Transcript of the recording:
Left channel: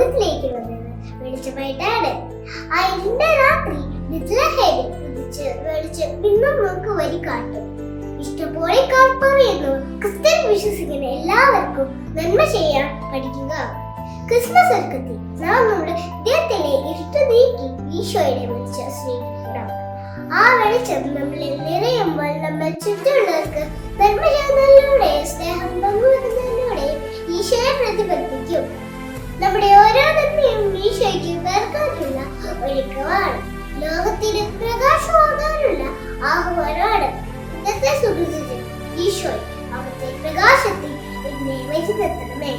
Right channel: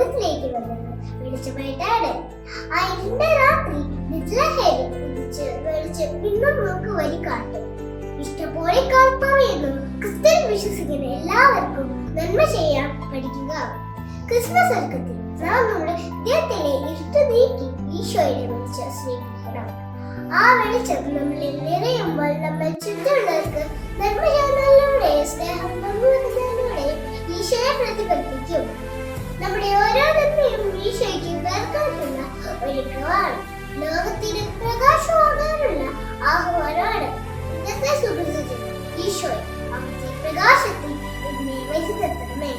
ലോകത്തിലേക്ക് വന്നത് വെളിച്ചമായിട്ടാണ്. ആ ഇരുണ്ട രാത്രി ബെത്ലഹേമിൽ ഉദിച്ച് വെളിച്ചം ഇന്നും നമുക്ക് വഴി കാട്ടും. ഇഷ്ടപോലെ പറയുന്നു, ക്രിസ്ത്യൻ വിശ്വസിക്കുന്ന എല്ലാവർക്കും നന്മ ചെയ്യാൻ പഠിക്കുക. ക്രിസ്മസ് ഒരുക്കത്തിൽ നാം നമ്മുടെ ഹൃദയത്തിലെ ഇരുട്ട് നീക്കി ഈശോയുടെ വെളിച്ചം സ്നേഹിക്കണം. ആ വെളിച്ചം നമ്മളിൽ നിറയുമ്പോൾ നമ്മൾ ചുറ്റുമുള്ളവർക്ക് നന്മ ചെയ്യുന്നതിലൂടെ, സ്നേഹം പങ്കുവെക്കുന്നതിലൂടെ ഈശോയെ പ്രതിഫലിപ്പിക്കും. നമ്മുടെ ഓരോ നന്മയും ഈശോയ്ക്ക് വേർപ്പെടുത്തുന്ന ഒരുക്കമാണ്. ലോകത്തിന് പ്രകാശമാകാനുള്ള ആഹ്വാനമാണ്. ഇന്നത്തെ സുഹൃത്തുക്കൾ ഈശോയെ അവിടുത്തെ പ്രകാശത്തിൽ എന്നെ വഴി നിർത്തണമേ.